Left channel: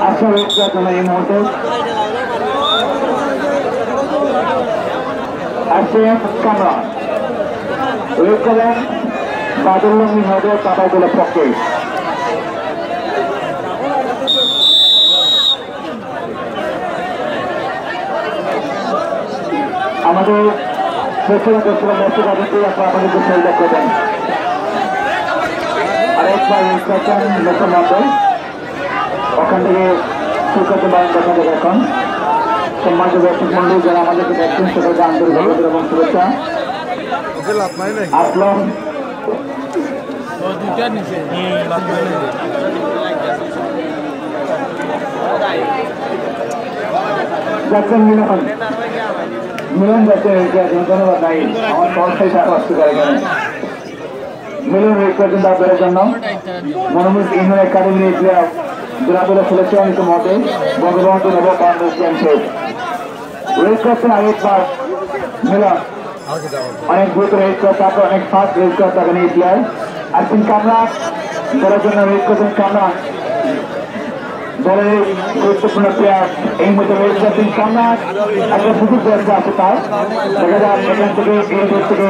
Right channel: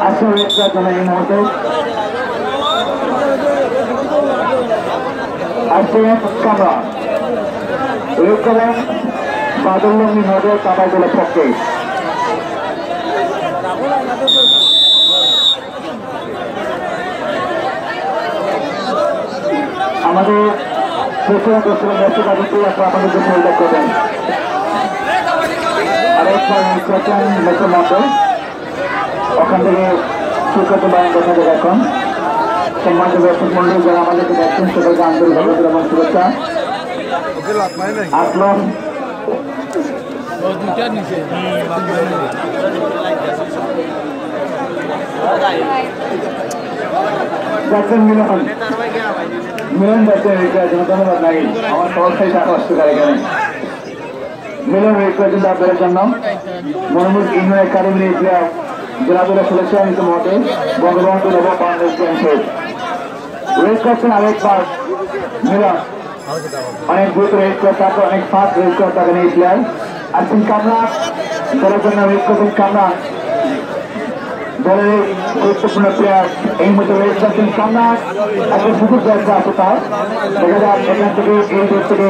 আচ্ছা ওয়েটটা চলে এই মুহূর্তে আসেন কামরান ওয়েট করেন বাদুল্লঙ্গি নোটে কাবাইদুলের পক্ষে আমাদের পেছনে পেছনে দর্শক আদিত্যি আপনারা আমাদেরকে সহযোগিতা করবেন আরেকবার ওয়েট করছেন লোকের মধ্যে ওখান থেকে সুখ্যাত বায়ন দেখা যাবে এখন সম্মানিত দর্শক মন্ডলী যারা আমাদেরকে দেখছেন সকলকে আন্তরিক অভিনন্দন এবং শুভেচ্ছা আসলাম যাচ্ছেন মিলন যাচ্ছেন ধন্যবাদ নাই আমার সহসাই টাকা আসতে পারে কেন মিলন ওয়েট করছেন আপনাদের জন্য মনোমুখ ইউনিয়ন একাডেমি প্লেয়ার জেলাগুলো খেলেছেন ইতিমধ্যে বঙ্গবন্ধু নব বাংলাদেশ চ্যাম্পিয়ন রেস করছেন আরেকবার মিলন অনেক দ্রুত রেস করতে হবে অনেক ফাস্ট রেস করতে হবে এই প্লেয়ার আসছেন কামরান দলের জন্য রেস করছেন কামরান দলের এই গুরুত্বপূর্ণ প্লেয়ার এই মুহূর্তে রেস করছেন কামরান একটা সুযোগ দরকার আছে তার দেখা যাক এখান থেকে এই দেশ থেকে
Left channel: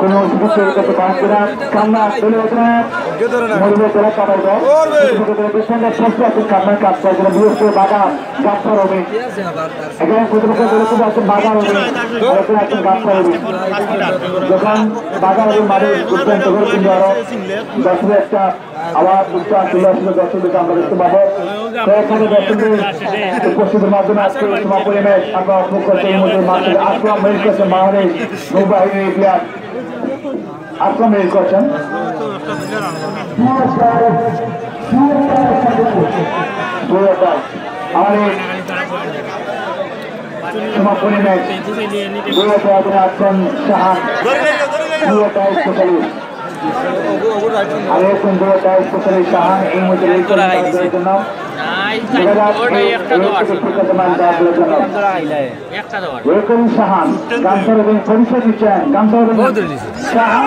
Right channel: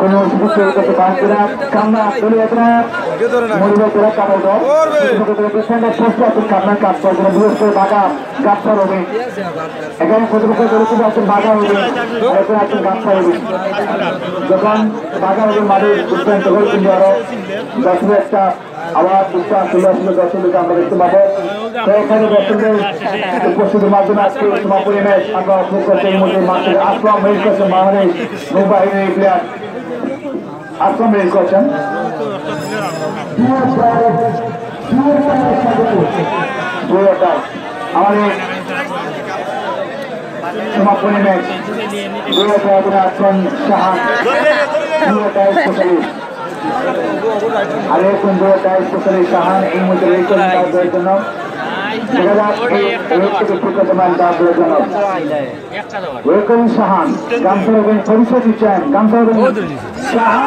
কোনো সুযোগ তৈরি করতে পারছে না কামনা ধন্যবাদ মরিবে জেলা কামাইব ডিফেন্ডার ফার্স্ট আছেন কামনা কাপ করছেন বিশেষ করে বাগা গাছার হবে এখানে প্রতিপক্ষ দলকে আছেন বাগা হবে এখানে আছেন গাছার হবে যখন বাগা হবে মাঠে উদ্যান্ত করে কিন্তু আরো দর্শকের একটা আওয়াজ উচ্চাস চলে আসলে দর্শকদেরকে আমরা দেখতে পাবো কয়েকখানি দর্শকদের উপস্থিতির মাধ্যমে আজকে সমাপনী ম্যাচ আমরা অপলোড করতে এই মধ্যে মাঠ থেকে আসলাম হয়ে গেছেন বাংলাদেশ নৌবাহিনীর প্লেয়ার আসলাম রেল করছেন আমাদের সমাপনী ম্যাচ আছেন শাহান স্পেশালিস্ট আরেকজন স্পেশালিস্ট শাহান এই মধ্যে রেল করেন তাদের জন্য দেখা যাক শাহান গামছা রবেন পরিচয় দিচ্ছেন গামছা রবেন শাহান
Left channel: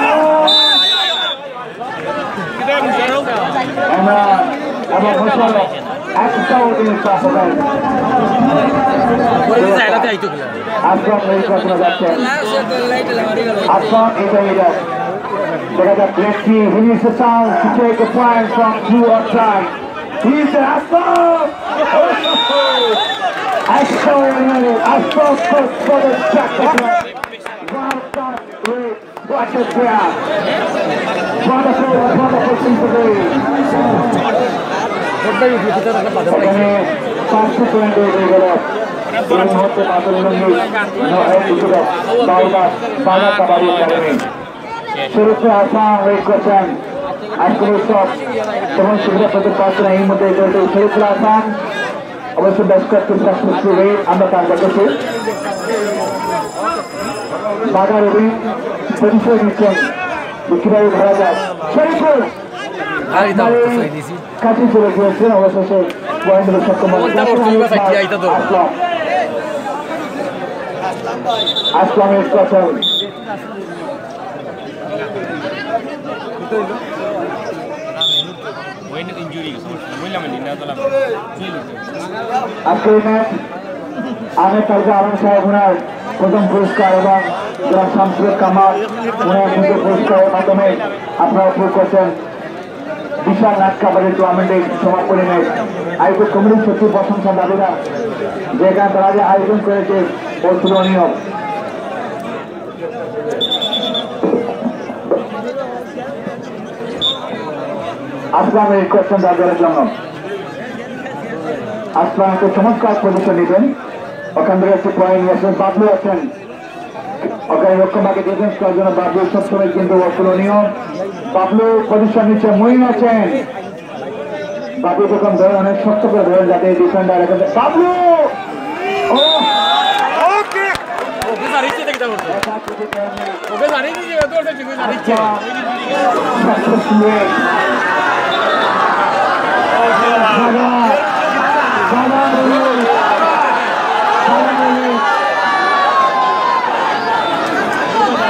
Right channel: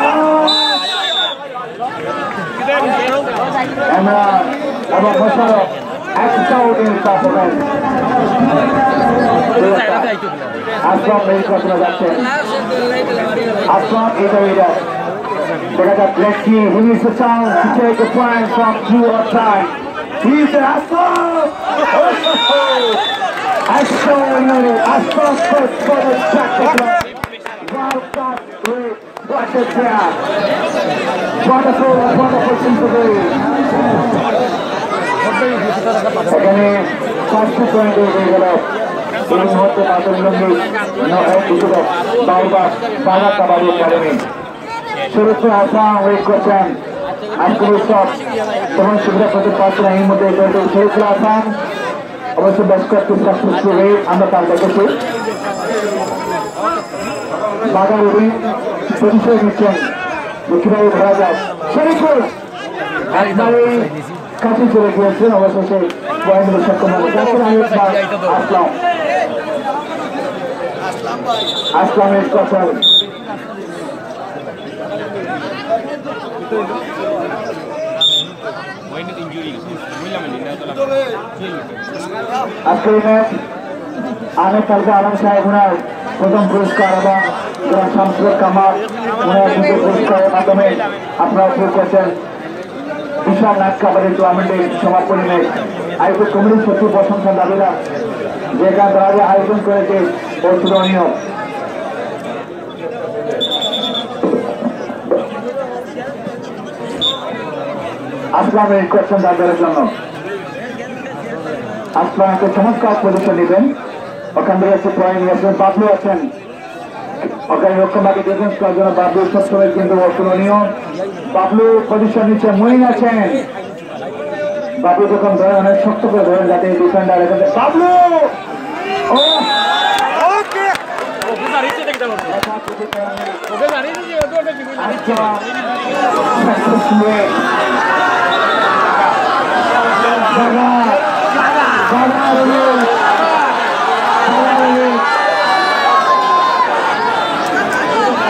এবং মোশারফ একটা অডিয়েন্স হবেন আসলাম এই ঘটনা যাচ্ছেন আসলাম এইটা দেখা যাক let's see who needs the chance to take a point from two or time. He's the Aslam! Aslam for the jacket. What a player! Wonderful sympathy. এখানে 500 পয়েন্ট হয়ে গেল এই মুহূর্তে বাদুল্লঙ্গি বাগা কাবাডি একাডেমি শুরুতে আসাম ওয়েট করছেন আজকের উৎসব তেমন সুবিধা পেতে পারছে না এই মধ্যে দলটি শরীফুল আসাম অবশ্য বেশ কয়েকটি আমরা তার দেখেছি বাগা রবি পরিচয় দিচ্ছেন যে কিভাবে ধরা যায় শরীফুল একবারে কাছে চলে গিয়েছেন অবশেষে পয়েন্ট দিতে সক্ষম হয়েছে আসলাম ওয়েট করছেন আজকের ম্যাচ আমের কালকে আলম সাহেব ওনার প্রথম পুরস্কার এবং যারা শামসুর কামাল ওনার দ্বিতীয় পুরস্কারের মাধ্যমে আপনারা শুরু করছেন বিশাল নাট কাবাডি টুর্নামেন্টের সমাপনী ম্যাচ আয়োজক কমিটির সচিব প্রশংসা দাবিরা যেখানে তারা যে আয়োজন করেছে অতুলনীয় আসলাম এই কোয়েশ্চন দাঁড়িয়ে রাখলাম আসলাম একটা চমৎকার পজিশন নেবেন ওখান থেকে একটু পয়েন্ট নিয়েছেন বাবলু আছেন ওখানে লক্ষ্যমাকে ডিফেন্স করার জন্য বাবলু সবসময় কিন্তু অতুলনীয় বাবলু পজিশন নিচ্ছে মহিন আছেন বাবলু যখন ধরেন অনেক শক্ত করে ধরেন যাতে ডিফেন্ডার এখান থেকে Bablu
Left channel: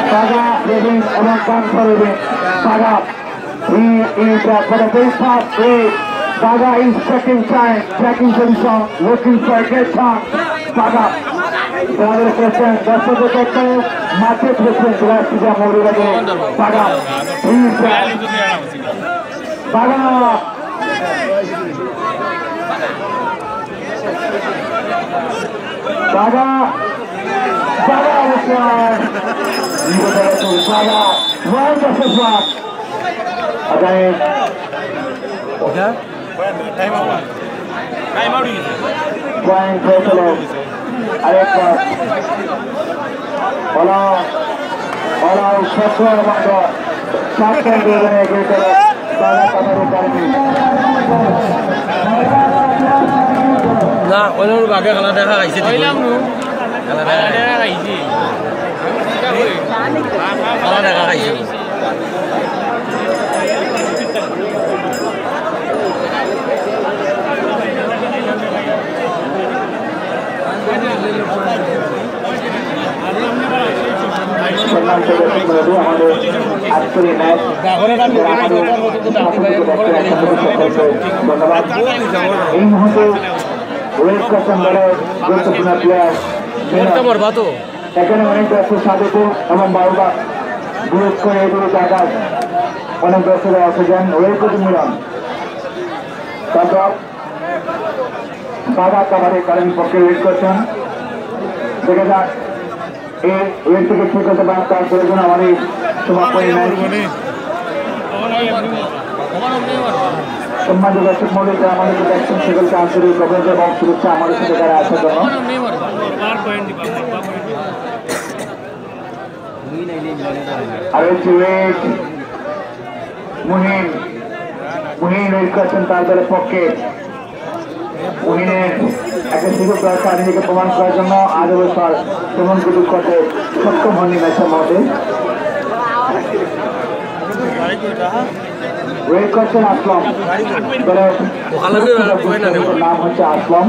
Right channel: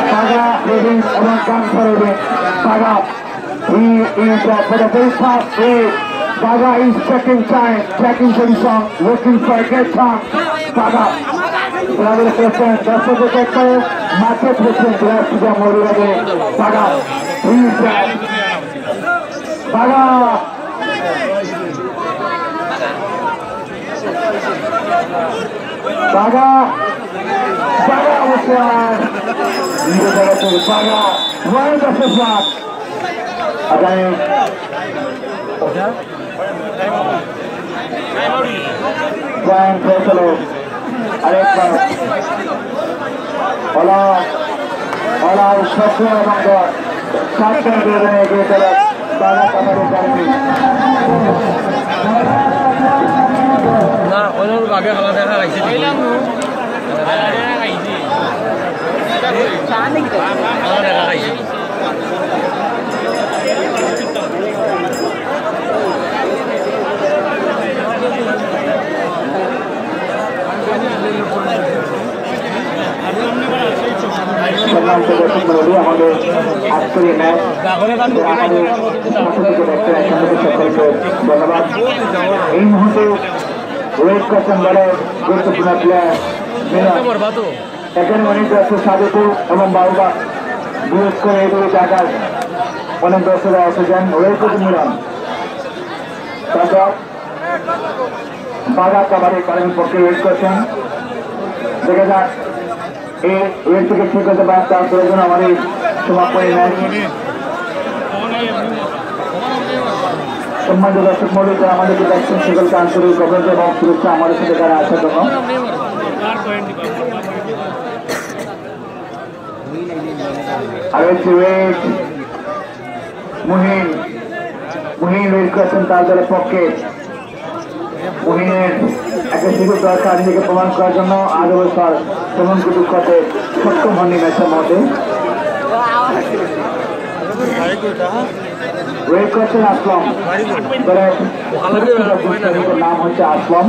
Paga Province among Bank Province. Paga, he is for the very fast way Baga is checking time, checking position, looking for a good time. Baga. Brother President, that's what they say. Mate President, last year more again. Baga. Please, Baga. Baga. Baga was one. Baga. Wonderful block. Again. Brian Pesalo. Arekbar. Hola. Hola. Software Mando. Second game against Baga Kabaddi Academy. Na, orang bagai kalau dah kaji sih. Kalau dah kaji. सम्मान से दर्शक मंडली हमारे आज के match हमारे धन्यवाद এই মুহূর্তে ওয়েট করছেন দলের গুরুত্বপূর্ণ প্লেয়ার এখানে অনেক দর্শক স্বাগত এবং বারবার বিশেষ করে এইভাবে জায়গায় অনেক দর্শকরা এসেছেন ওয়েট করতে নিলাম তারপর বাগা কাবাডি একাডেমির পক্ষে ওয়েট করছেন দেখা যাক এই ওয়েট থেকে ঠিক হতে পারে তার প্রয়োজন আমাদের সমাপনী ম্যাচ সম্মানিত দর্শক মন্ডলী আমাদেরকে দেখছেন সকলকে আন্তরিক অভিনন্দন এবং শুভেচ্ছা আমাদের সাথে তারা আসার জন্য আর হচ্ছে ওয়েট মুহিন ওয়েট করছেন তার দলের পক্ষে মুহিনের একটা সুযোগ দরকার নিজেকে প্রমাণ করার জন্য আজ অবসর প্রমাণ করতে সক্ষম হননি ম্যাচের মধ্যে ওয়েট করছেন আসলাম নাম হচ্ছে আসলাম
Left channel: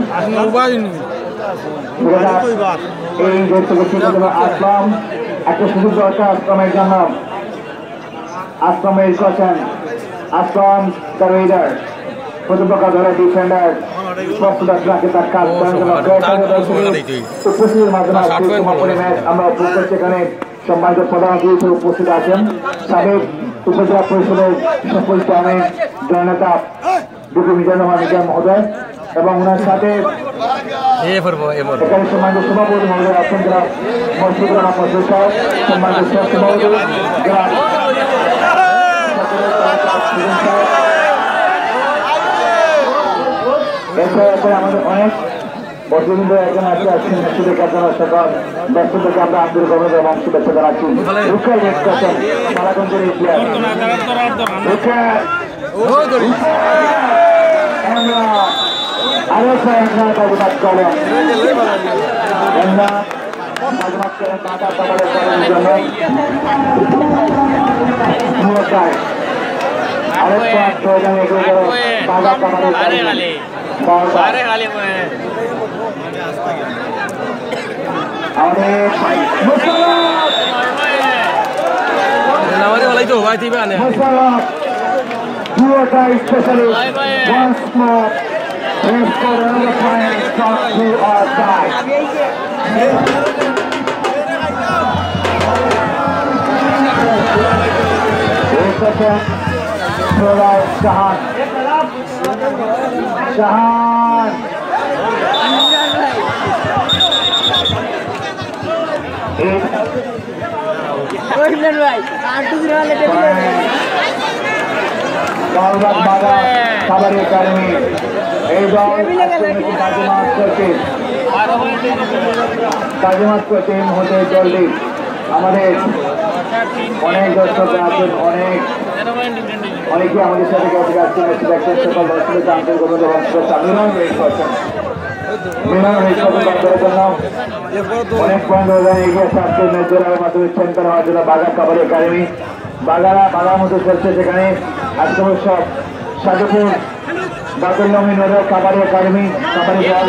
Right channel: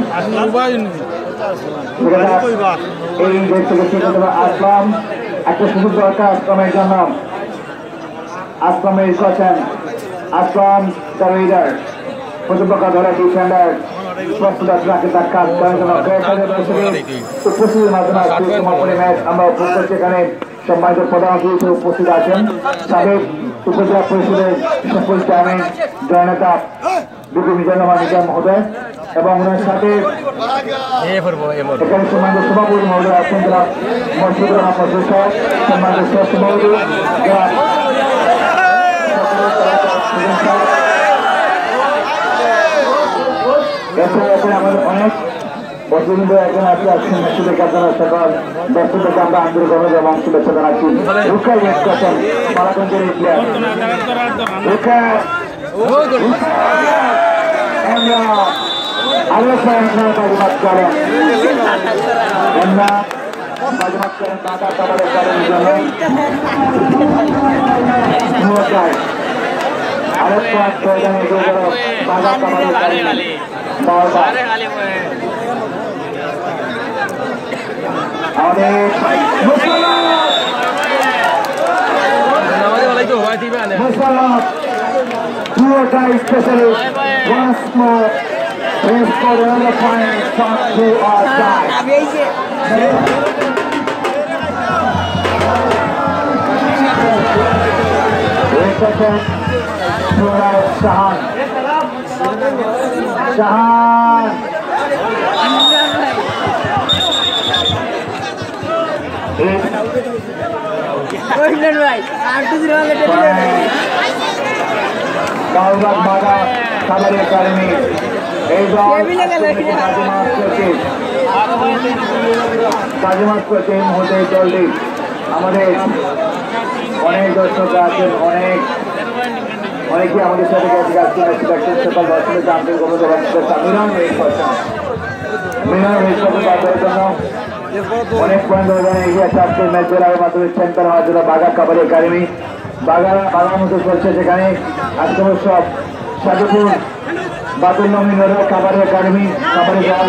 এই দেশ থেকে আসলাম একটা সুযোগ দরকার আসলামের জন্য আসলাম ওয়েট করছেন আসলাম তার লিডার প্রতিপক্ষ ধরে ডিফেন্ডার স্পষ্টতাকে তার কাজ উপস্থিতির মাধ্যমে আমরা উপস্থিত সেখানে সম্মানিত প্রধান অতিথি উপস্থিত আছেন সাবেক উপজেলা পরিষদের সকল চেয়ারম্যান জননেতা বিপি মিজান মহোদয় এবং ওনার সাথে এখানে সম্মানিত সভাপতি মহোদয় আছেন যারা মসজিদুর রহমান মসজিদ সাহেব সম্মানিত স্বাস্থ্য মহোদয় যারা এরপরে আমাদের অনেক বছরবৃন্দ একজন আছে আজকের ম্যাচটি দেখার জন্য সকল দর্শকদেরকে আমরা আন্তরিক অভিনন্দন এবং শুভেচ্ছা জানাচ্ছি রুখার ওয়েট করছেন পালাগঞ্জের এই প্লেয়ার আমরা আরো বাজিমাত করেন বাজিমাত করেন টাকা টাকার আরেকটা প্রয়োজন এগিয়ে গেল টাকা Shahan Baga Kabaddi Academy বাজিমাত করতে মুহূর্তে জলদি আমাদের অনেক দর্শক আছেন অনেকে আমাদের সাথে সকাল দর্শকদের আন্তরিক অভিনন্দন অনেক পয়েন্ট এগিয়ে আছে আজকের ম্যাচ জোড়ার মাধ্যমে চ্যাম্পিয়ন হওয়ার জন্য বাগা কাবাডি একাডেমি বাগার মতো চলছে সেখানে আজকে সব সাধুপুর বাতুল নমিনের কাবাডি একাডেমি কাবাডি দল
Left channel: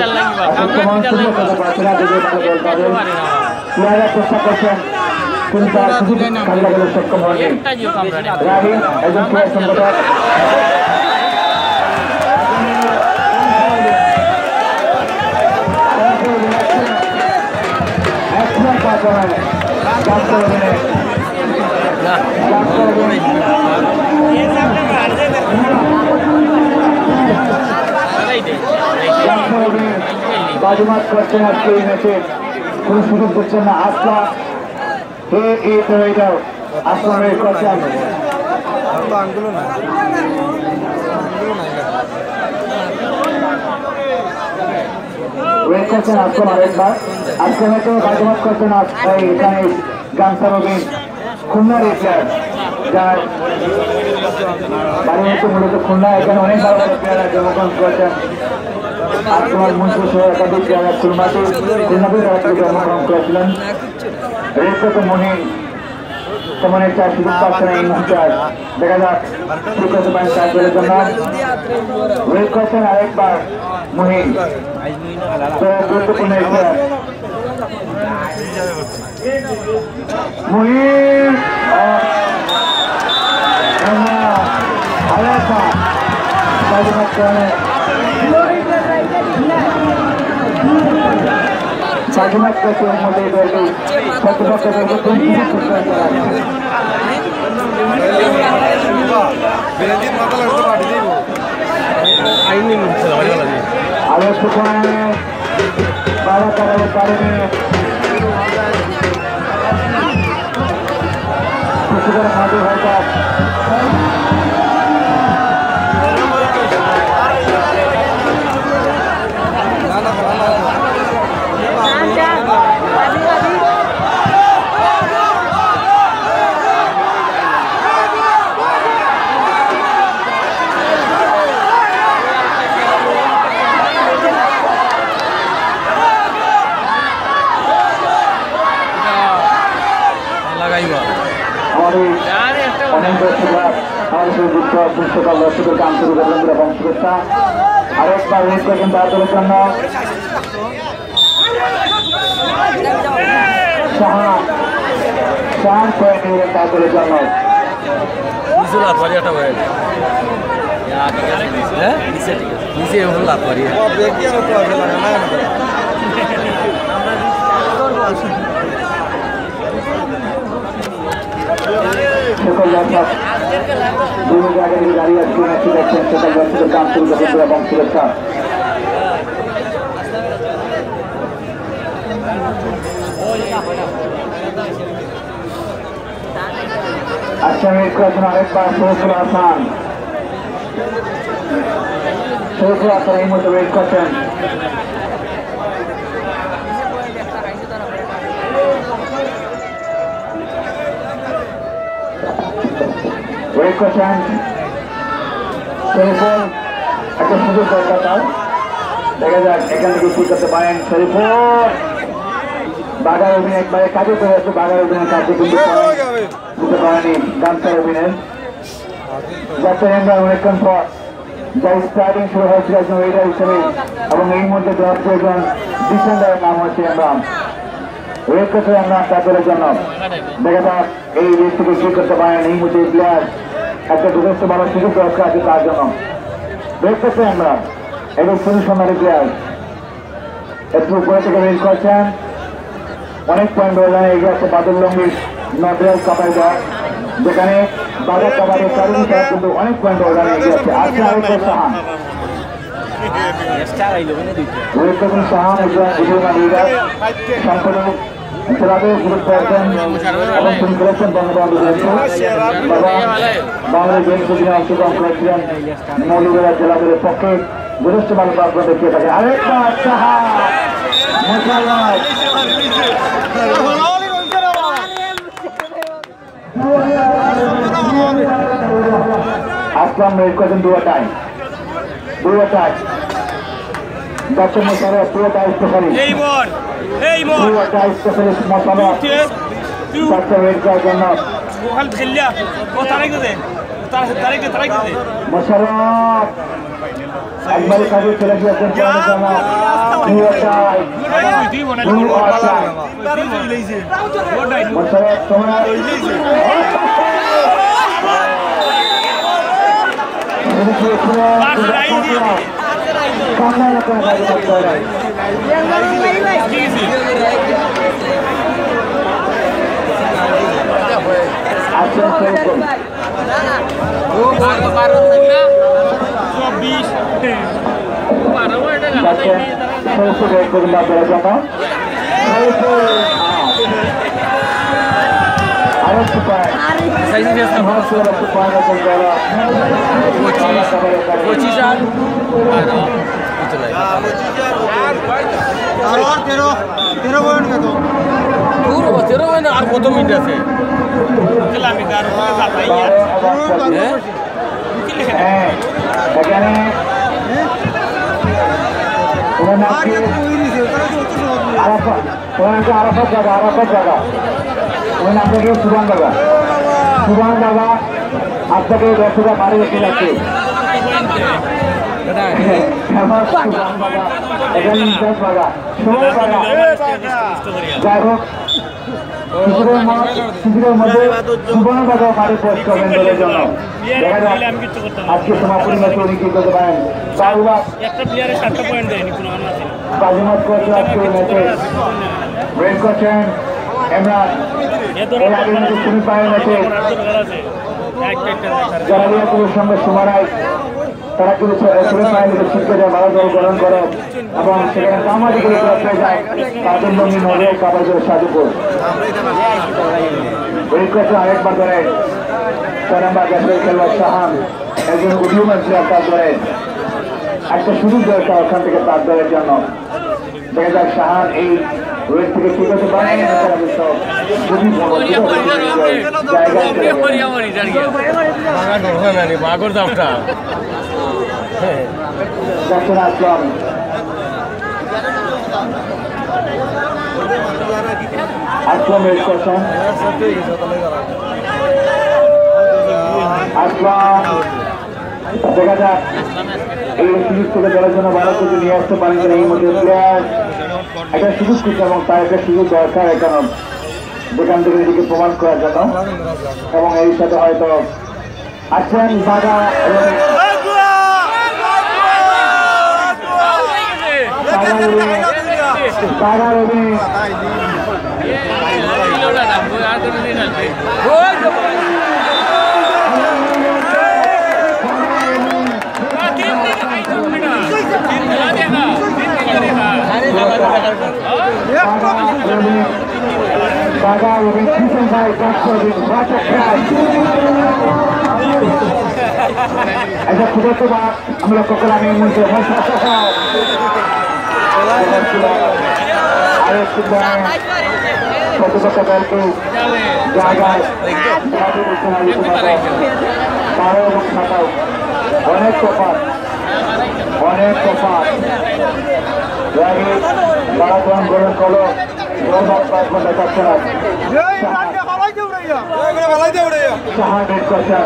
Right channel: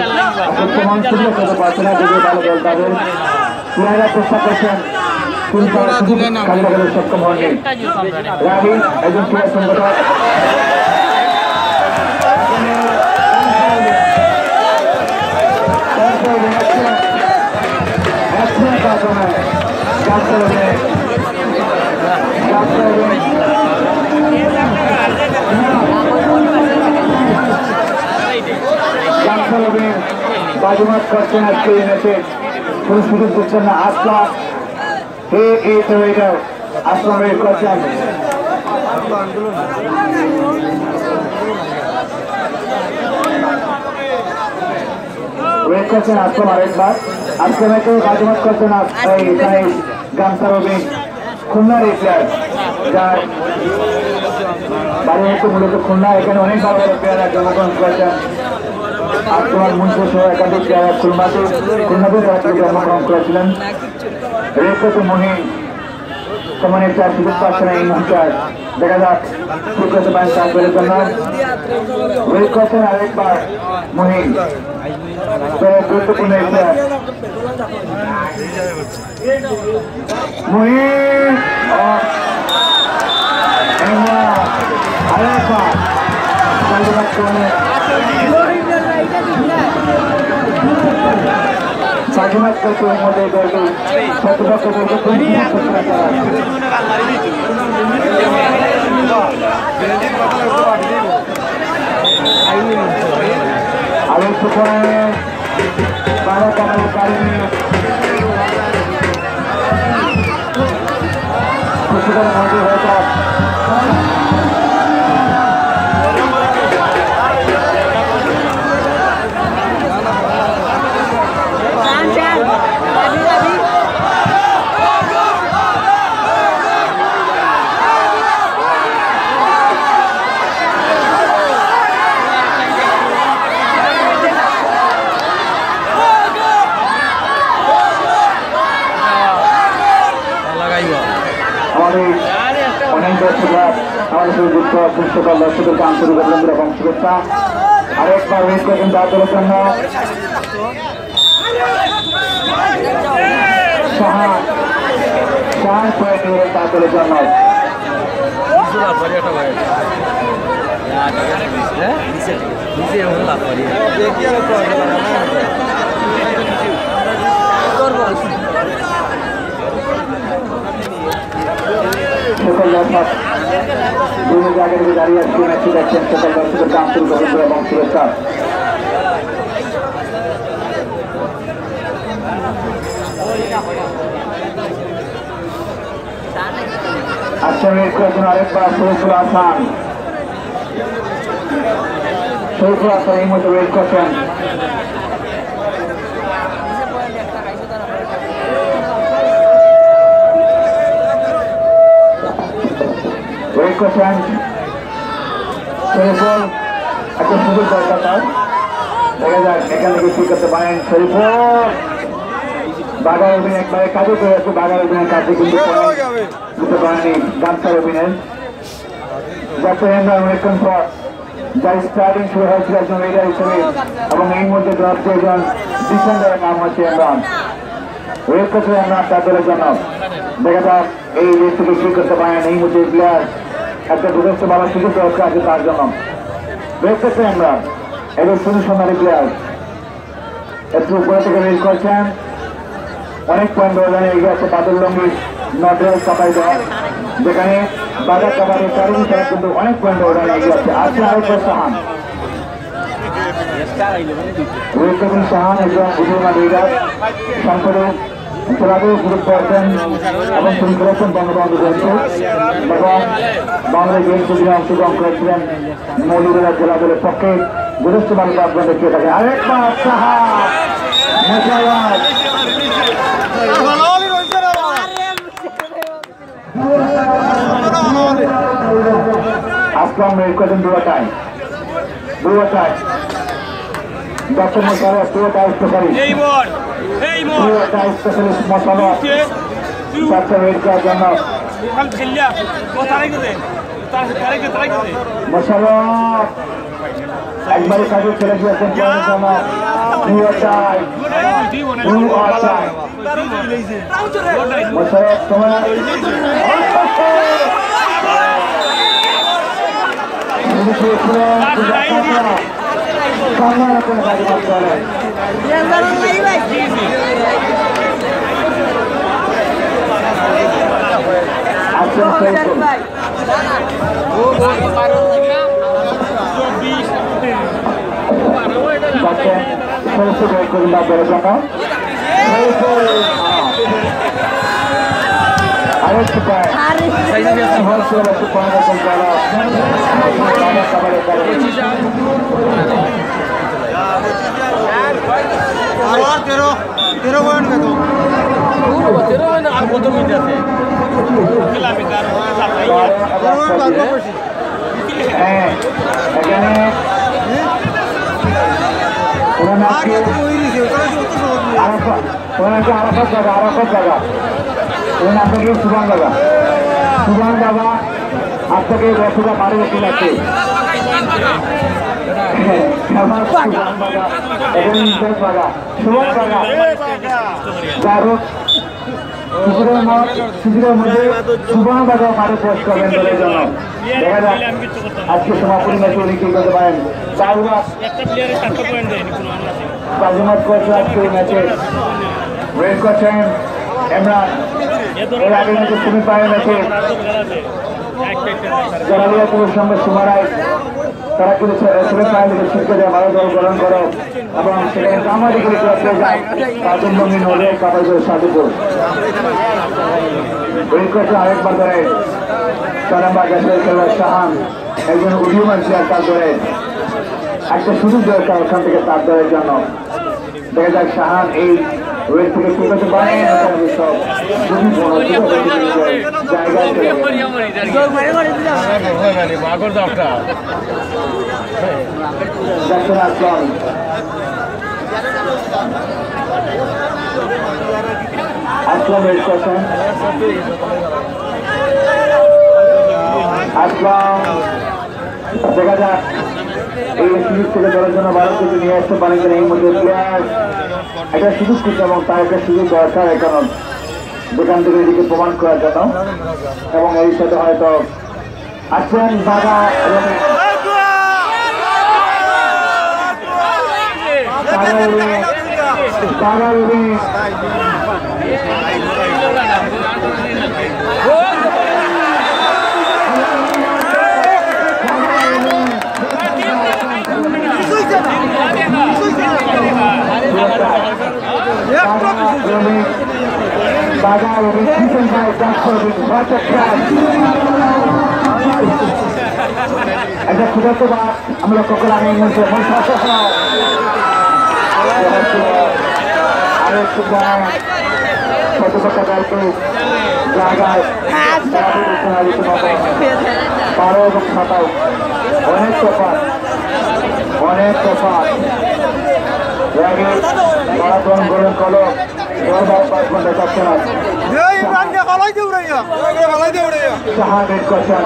আসলে তেমন সুযোগ হতে পারছে না যদিও ভালো দল তাদের প্লেয়াররা চেষ্টা করছেন কিন্তু তারা সুযোগ কাজে লাগাতে সক্ষম হননি রাবি একজন প্লেয়ার সংগঠক বাজুমাত করছেন আজকে এই ম্যাচে কোন সুযোগ দিচ্ছেন না। আসলা আসলাম করছেন ওয়েট করছেন আসলাম আরেকবার। আসলামকে বাজুমাত করছেন এখানে গানসার অভিন খুলনার এই প্লেয়ার যার বাড়ি হচ্ছে মূলত খুলনা। এখানে অনেক ভালো ভালো প্লেয়াররা জন্মগ্রহণ করেছেন। আসলাম মুন্সি সহ একাধিক প্লেয়াররা খুলনাতে জন্মগ্রহণ করেছিলেন। রেড করছে মহিন তেমন একটা সুযোগ পাচ্ছে না এই মুহূর্তে। দেখা যাক কি করতে পারেন সাহায্যের জন্য। রেড করছেন আরেকবার মহিন, তো গুরুত্বপূর্ণ এই প্লেয়ার মহিন। আরেকবার বাজিমাত করে বাজিমাত করছে এর মধ্যে দেখবে আরো সেখানে তাড়াতাড়ি কারণে কিছুটা মাঝে হয়তো আমাদের অনেক দর্শকরা আমাদের সাথে যুক্ত সকল দর্শকদেরকে আন্তরিক অভিনন্দন এবং শুভেচ্ছা। আরেকবার ওয়েট করছেন তাদের জন্য তাদের জন্য বিভিন্ন জায়গায় দাঁড়িয়ে আজকে ম্যাচটি দেখছেন সকল দর্শকদেরকে আন্তরিক অভিনন্দন এবং শুভেচ্ছা। আচ্ছা ওয়েট করছেন আরেকবার শরীফুল হাসান। শরীফুল হাসান এই মতো ওয়েট করছেন। ওয়েট করছেন শরীফুল, একটা সুযোগ দরকার তার। দেখা যাক এখান থেকে কি করতে পারেন শরীফুল। বাঘার অভিনয় একবারে কাজে করে আছে, বাঘার অভিনয়ের কাজে কিন্তু দিতে পারেনি গামছার অভিনয়। যাতে আমরা অনেকক্ষণ পর যা স্টার্টিং শুরু হয়েছিল একজন রেডার হিসেবে এবং এই মধ্যে একজন ডিফেন্ডারের নাম হচ্ছে ইমরান। ওয়েট করতে আমরা তাদের জন্য। দেখা যাক এই রেস থেকে কি করতে পারেন এই মুহূর্তে প্লেয়ার। একটা যথেষ্ট ভালো সুযোগ রয়েছে আছে তার জন্য। ওয়েট করতে আমরা এবং শুধু সোনারি প্লেয়ার একটু উপরে থেকে রেস করছেন। অনেক পয়েন্ট ব্যবধানে এগিয়ে আছে বাদল লঙ্গি নটরাজ কাপাইদা, যেখানে বাজার কাবারে চারিদিন তারা কিন্তু অনেক পয়েন্ট ব্যবধানে এগিয়ে আছে। আজকে আরেকবার সাহান গুরুত্বপূর্ণ সাহান একজন বুঝুর্মা লিডার সংসদে খেলাতেও গুরুত্ব রাখছেন এবং তিনি খেলেছেন বঙ্গবন্ধু জয়ন্তী এবং বাংলাদেশ জয়ন্তী দিনে অংশগ্রহণ করেছিলেন মৌলভীবাজার জেলা দলের পক্ষে যথেষ্ট ভালো প্রার্থনা দেখিয়ে থাকেন। আরেকবার সাহান মোশাররফ আসলাম রেড করেছেন দুয়াটায় ডক্টর মোশাররফ দুয়াটায় স্পেশালিস্ট মোশাররফ ডক্টর রেড করার জন্য মোশাররফ একবারে কাজে চলে গিয়েছেন মোশাররফ তোমার আসছেন সৈয়দপুর যাচ্ছেন সৈয়দপুর ওয়েট করুন আপনাদের জন্য আরেকটু পয়েন্ট একটু পয়েন্ট এখন করা আর 13 পয়েন্ট কত 13 পয়েন্ট আর কত মিনিট আছে হ্যাঁ এখানে আর এত বই নিছে তাহলে তো অত সহজ নয় আরেকটা জায়গা ওখানে আপনাকে সুবান জায়গা আপনাকে 10,000 বাড়ি রেখে যাচ্ছে যাই হোক শিশুদের মধ্যে সুবর্ণ বাজার মাঠে পোস্ট করবেন দলের জন্য দেখা যাক আজকে সমাপনী ম্যাচে উনি কি করতে পারেন বাজিমাত করেছে আজকে এই ম্যাচে ওয়েট করছেন ইমরান এর আগে ম্যাচে সেমিফাইনাল ম্যাচে জালালিয়াপুরের সঙ্গে সুমারায় তারা কিন্তু সেমিফাইনালে ছিটকে যায় ভালো দল গ্রহণ করে এবং সেখানে কামাদিকে ক্লাবে যায় কাজুমবঙ্গী নদে কাবাজের সাধুপুর ওয়েট করছে আরেকবার ধরে 6 নম্বর জাতীয় খেলোয়াড় শাহান একজন উদীয়মান প্লেয়ার তার ধরে একটা সুযোগ দরকার ওখান থেকে তার দলের জন্য দেখা যাক শাহান এই ওয়েট থেকে ঠিক হতে পারে সব খুবই বড় জায়গায় দেখছেন আসলাম ওয়েট করছেন আসলাম দেখা যাক এই সুযোগ থেকে দলের জন্য ভালো কিছু নিয়ে আসতে পারেন কিনা এই মধ্যে প্লেয়ার একটা সুযোগ করছে এবং তার একটা সুযোগ দরকার এখন যেখান থেকে এদিকে প্রমাণ করার জন্য এবং এই সাথে হয়তো আছেন বাবা এবং আমরা কখন আমি জায়গায় বারো এবং 27 অনেক তফাৎ মারাথন গোলন কলো 5 ঘন্টা থাকছে না শাহান রেড করছেন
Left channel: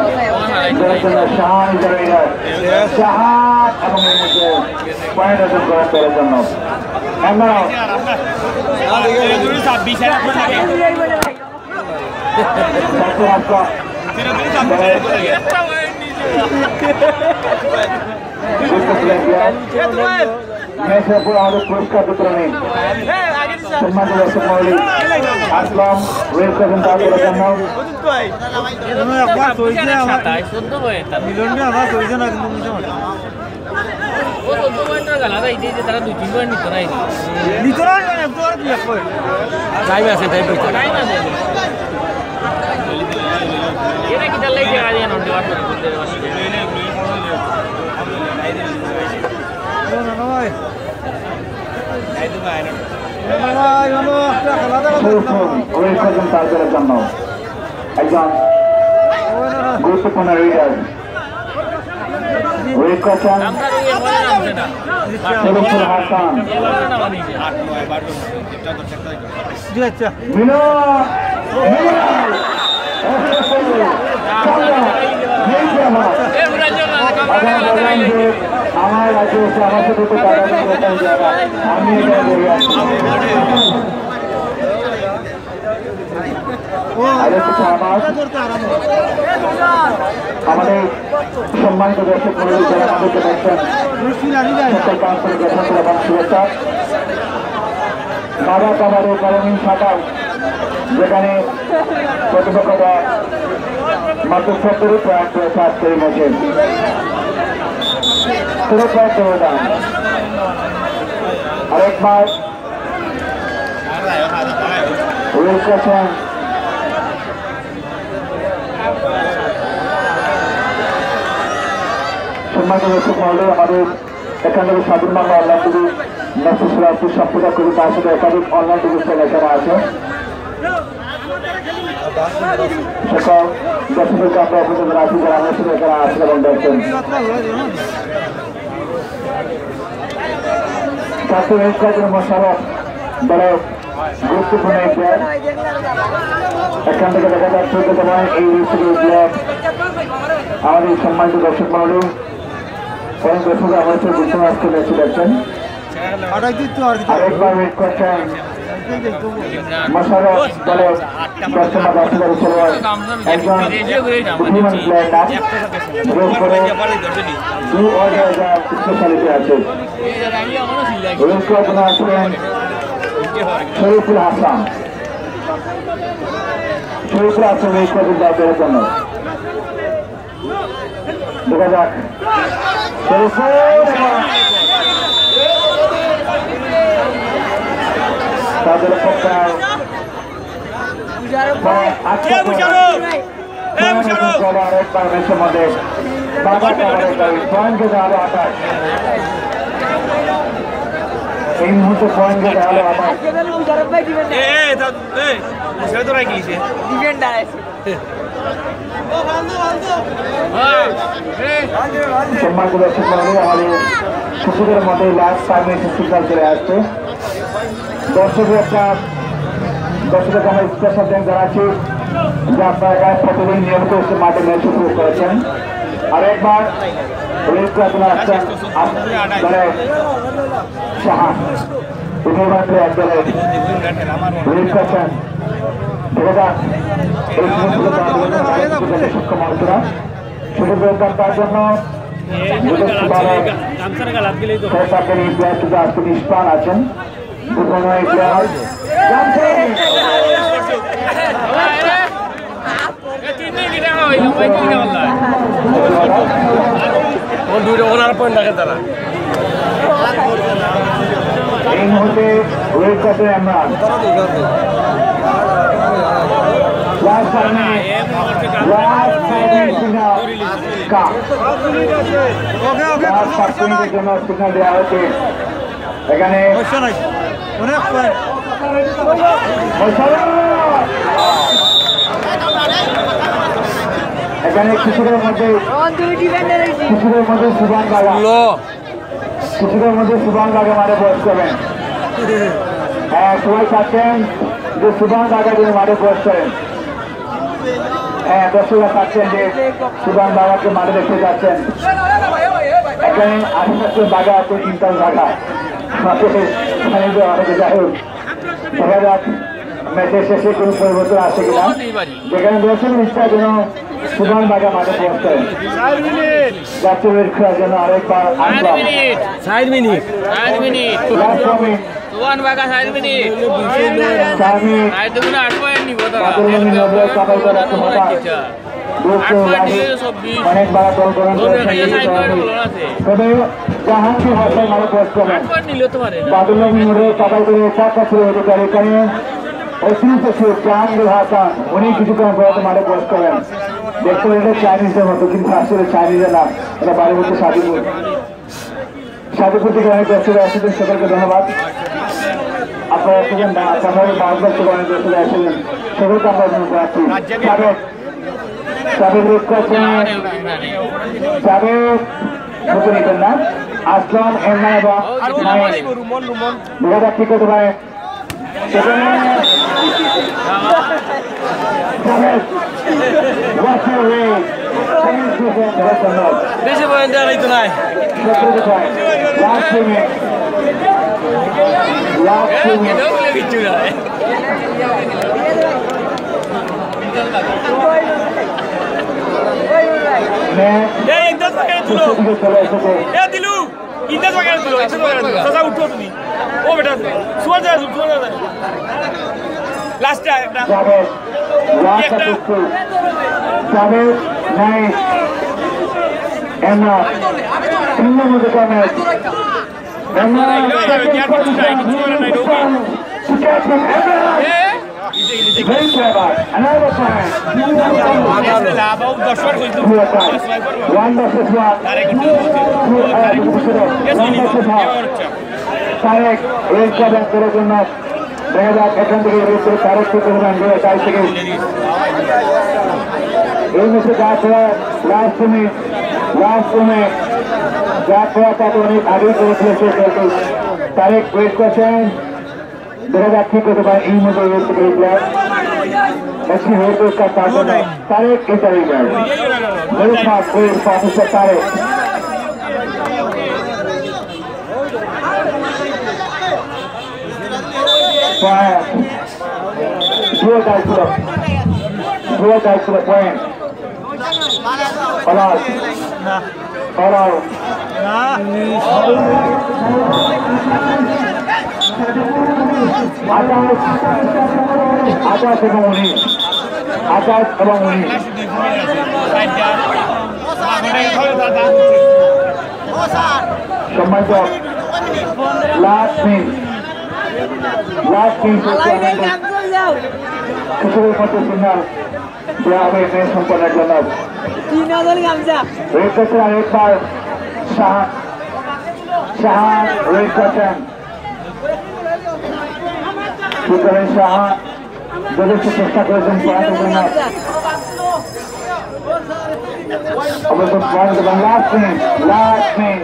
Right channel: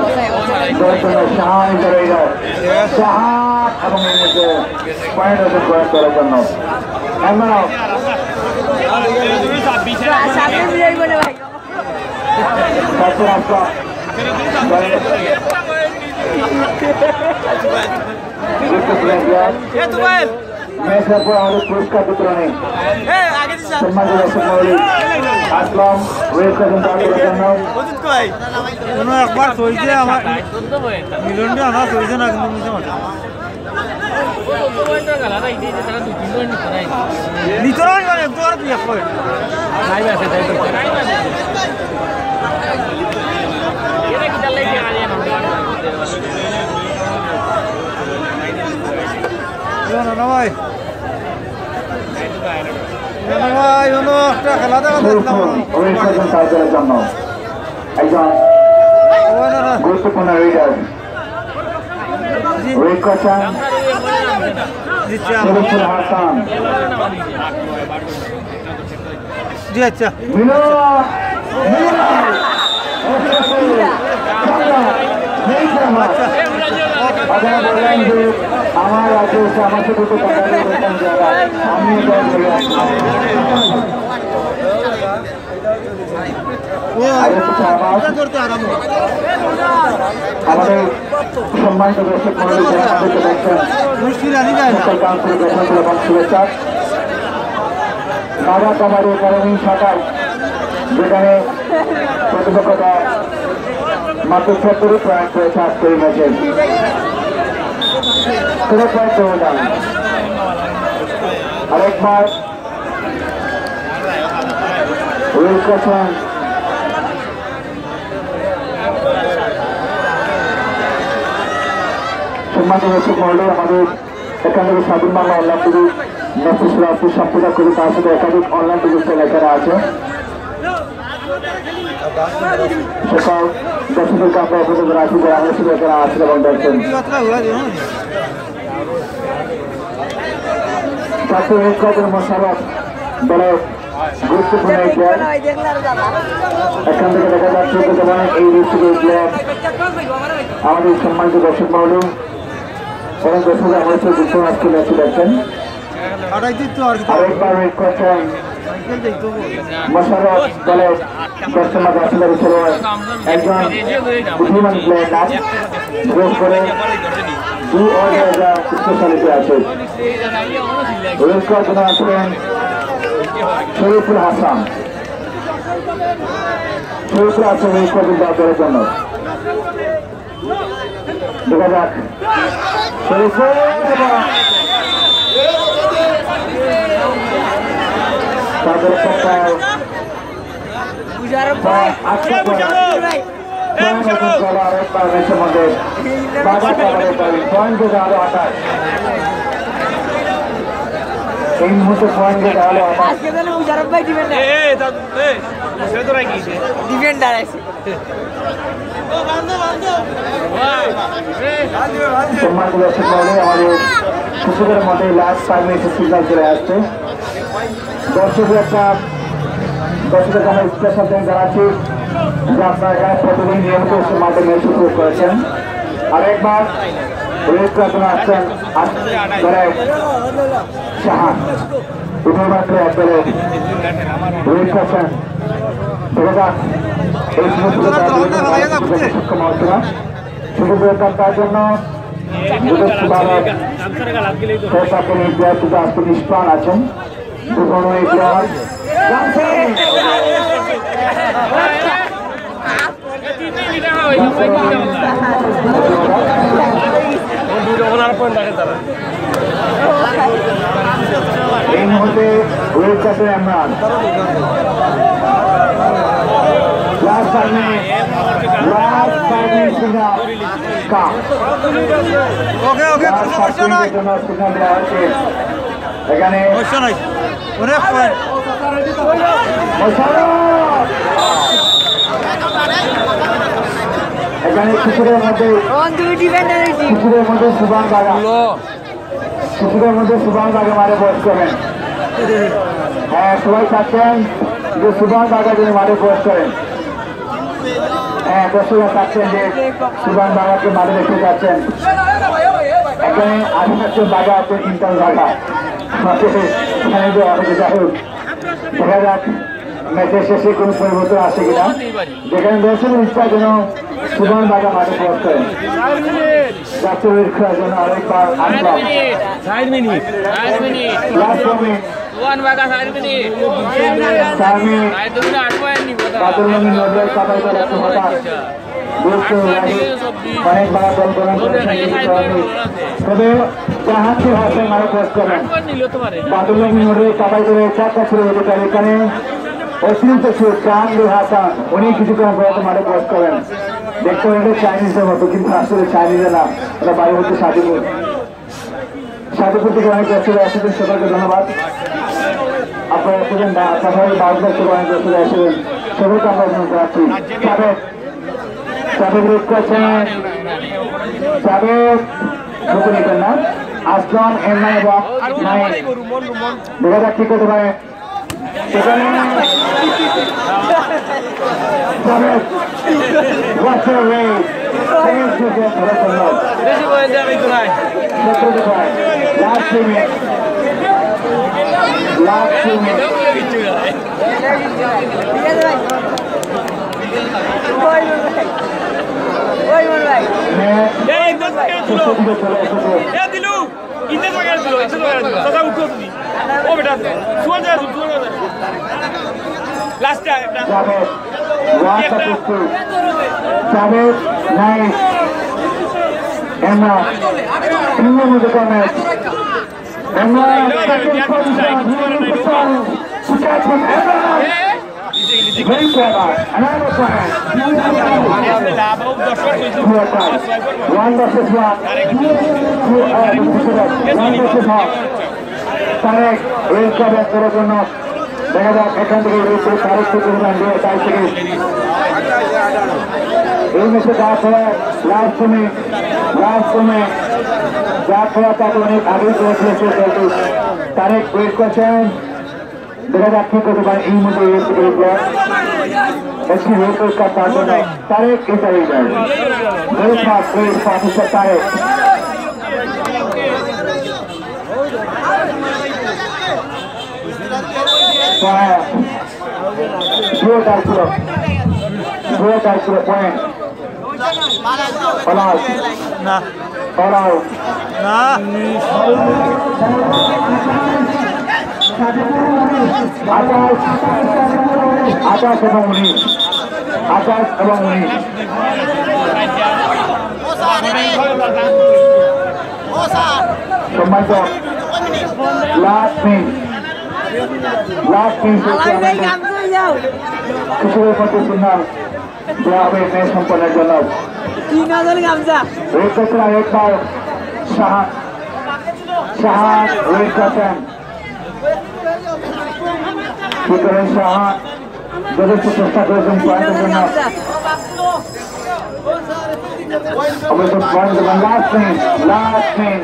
দলের জন্য শাহান শাহান এবং এর মধ্যে পয়েন্ট অর্জন করেন দলের জন্য আমাদের পুরস্কার বিতরণে আসলাম ওয়েট করছেন তাদের জন্য একবার চলছে আমার মিলনটা আমার চলছে না তাদের জন্য একজন গুরুত্বপূর্ণ রিডার ওয়েট করছেন শরীফুল হাসান আমার রাজ্যে এসে আমার সাথে তো টাকা বেতন যারা আমি আমাদের সম্মানিত দর্শক মন্ডলী যারা আমাদেরকে দেখছেন সকল আন্তরিক অভিনন্দন এবং শুভেচ্ছা। বাবা কাবারের কারণী শাখায় যেখানে প্রতিপক্ষতা মাত্র 70 পয়েন্ট পেয়েছে আজকের ম্যাচে। 0 পয়েন্ট দেওয়া আরেকবার করছেন সম্মানিত দর্শক মহলে, আমাদের এখান থেকে স্বাধীন বাংলা অনলাইন টিভি মেসেজ সম্প্রচার করি, তার সাথে একাধিক অনলাইন টিভি লেখারা আছে। সকল দর্শকদেরকে আমরা অভিযোগ রাখি যারা আমার সাথে এখানে আছেন এবং দেখছেন। মোশাররফ দলের গুরুত্বপূর্ণ এই প্লেয়ার, এখান থেকে দেখা যাচ্ছে এই ডিস্ট্রিক্টের প্লেয়ার আমাদের সম্মানিত দর্শক মহল এবং দর্শক আমার সাথে আজকে ম্যাচে দেখছেন। আরেকবার করছেন মোশাররফ দলের বর্তমান বাচ্চাদের খেলোয়াড়, একজন বুদ্ধিমান প্লেয়ার নাম, বিশেষ করে 2 অর্ডার স্পেশালিটি আছে। রূপকল্পনা আছেন শরীফুল হাসান, শরীফুল হাসান এই কদিন দলের জন্য দেখা যাক। শরীফুল তাদের পক্ষায় আরেকবার ম্যাচের মধ্যে বাধা পয়েন্ট আরো 28, এই মুহূর্তে পয়েন্ট আরো 28। আমাদের শিশুদের মধ্যে লাস্ট 5 মিনিট সিগন্যাল চলে আসছে। দর্শকের আমি স্পেশাল থ্যাঙ্কস জানাচ্ছি যে আপনারা প্রতিদিন নিয়মিত এসে মাঠে ম্যাচ উপভোগ করেছেন। আরেকবার রূপকল্পনা আসছেন দলের শাহান, উঠোমাত্র একবারে রূপ করছেন। দেখা যাক এই সুযোগ সক্ষম হচ্ছে না, সুযোগ তার জন্য আজকে নিষ্প্রাণ আছেন। এই মুহূর্তে আমরা এখানে অনেক পয়েন্ট এখানে কিছুদের মধ্যে সুবান দাগা মারে বয়স করেন। হ্যাঁ, সবাই চাচ্ছেন যে সুবান দাগা যিনি মারে বয়স করেন। হ্যাঁ, দর্শকরা চাচ্ছেন যে সুবান দাগাকে মারে দেখতে যাচ্ছেন। এখানে আশেপাশে দাগা আছে, 3টা দাগা এখানে যাই হোক, দেখা যাক ম্যাচের শেষে কোনো পরিবর্তন আসে কিনা। যেখানে দর্শকের ইচ্ছা যেন সুবান দাগা মাঠে প্রবেশ করেন। যাত্রীর খেলার জন্য আরেকবার আসলাম। অনেক বড় দল গ্রহণ তবে জাহাজকে ভাষায় মারা প্রবেশ করেন। বাদুল্লাহ কাবাল করে 4টা ছিল অধিকারী, এখানে অতিরিক্ত চাঁদুল হাসান উনি কিছুক্ষণ পরে মাঠে প্রবেশ করেন। দেখতে হলে চাইনিজের মতো, কিন্তু আসলে চাইনিজে না, ওরা বাড়ির মধ্যে সাদিপুর থেকে অনেক দর্শক আসছিলেন। সবাইকে ধন্যবাদ। আপনারা এসেছেন, আপনারা বাউন্ডার থেকে অনেক দর্শক আসছিলেন, সবাইকে আমরা অভিনন্দন করাচ্ছি। সাবেক করছেন সাবেক ঢুকে নিতেন না আসলাম এমআই এবং 9 দেখা যাক কি করতে পারে। সেখানে Javed, nice. Emma, India Mudika match. Emma, second position, here is the challenge to catch him. Emma, very clever. Another point. One versus one. One versus half. Tarek, एक का बैक करे जो ना देखा जाए एकांत के विरुद्ध तारीख के कुछ घंटे और 40 सेकंड एक में से जात हुआ लास्ट में जात हुआ था तो उन्हें आगे को चलते चलते तारीख एक क्वेश्चन देखा जाए ठीक है तो बार इन मुझे ये सिक्योर किया ऐसी हो तो इसका पार्टनर तारीख के चले गए मेरे साथ कोई पार्टनर तारीख Dua kali sudah poin. Halal. Atas abang ini. Semacam last thing Kesulitan posisional dia main sempurna jenab. Red card एक बार Shah red card Kikaran Shah jadi sukses kerja point jenab. Abis itu point dengan last thing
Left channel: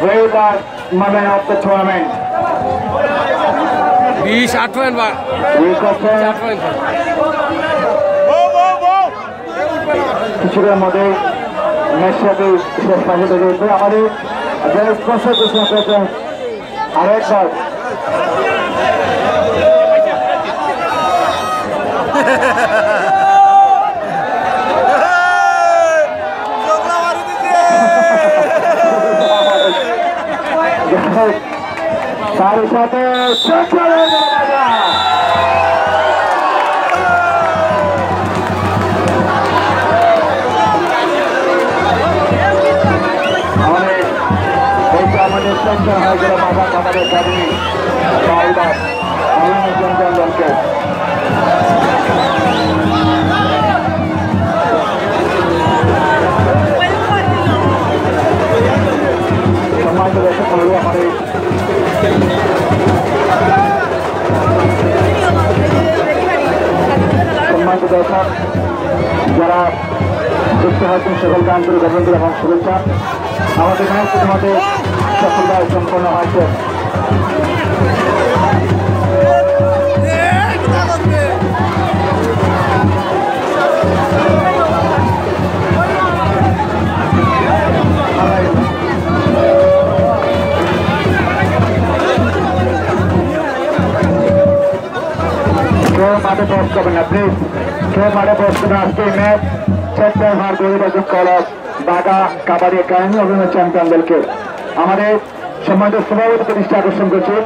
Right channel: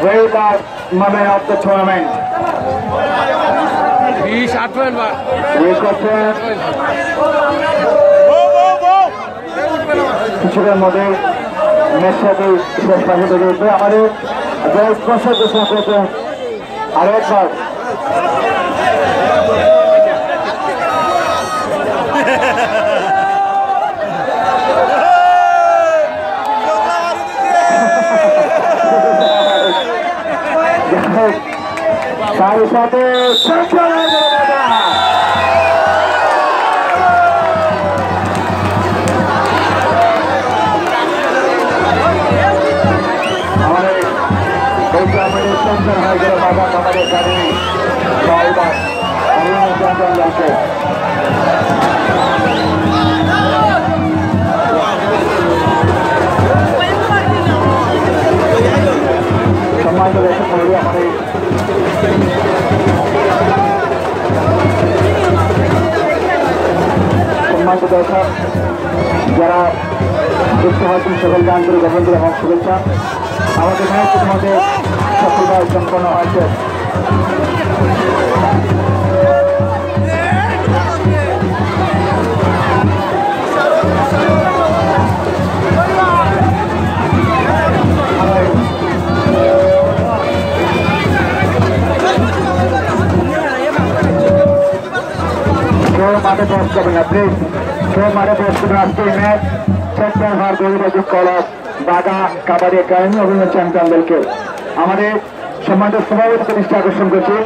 Very last moment of the tournament. 20 point bar. কিছুটা মধ্যে ম্যাচটাকে শেষ পর্যন্ত দেখবে আমাদের জয় sponsor ঘোষণা করেছেন আরেকবার তার সাথে सम्मान तो वैसे पहले हमारे सम्मान को दर्शक जरा उत्साह सकल गान করে গভর্নমেন্টের এবং শুভেচ্ছা আমাদের ম্যাচ তোমাদের সফলভাবে সম্পন্ন হয়েছে post coming up, please. Show Mada post coming up, please. Check their hard David as it called Daga Kabaddi Academy of the champion del के हमारे सम्मानित सभापति प्रतिष्ठा को संकोचे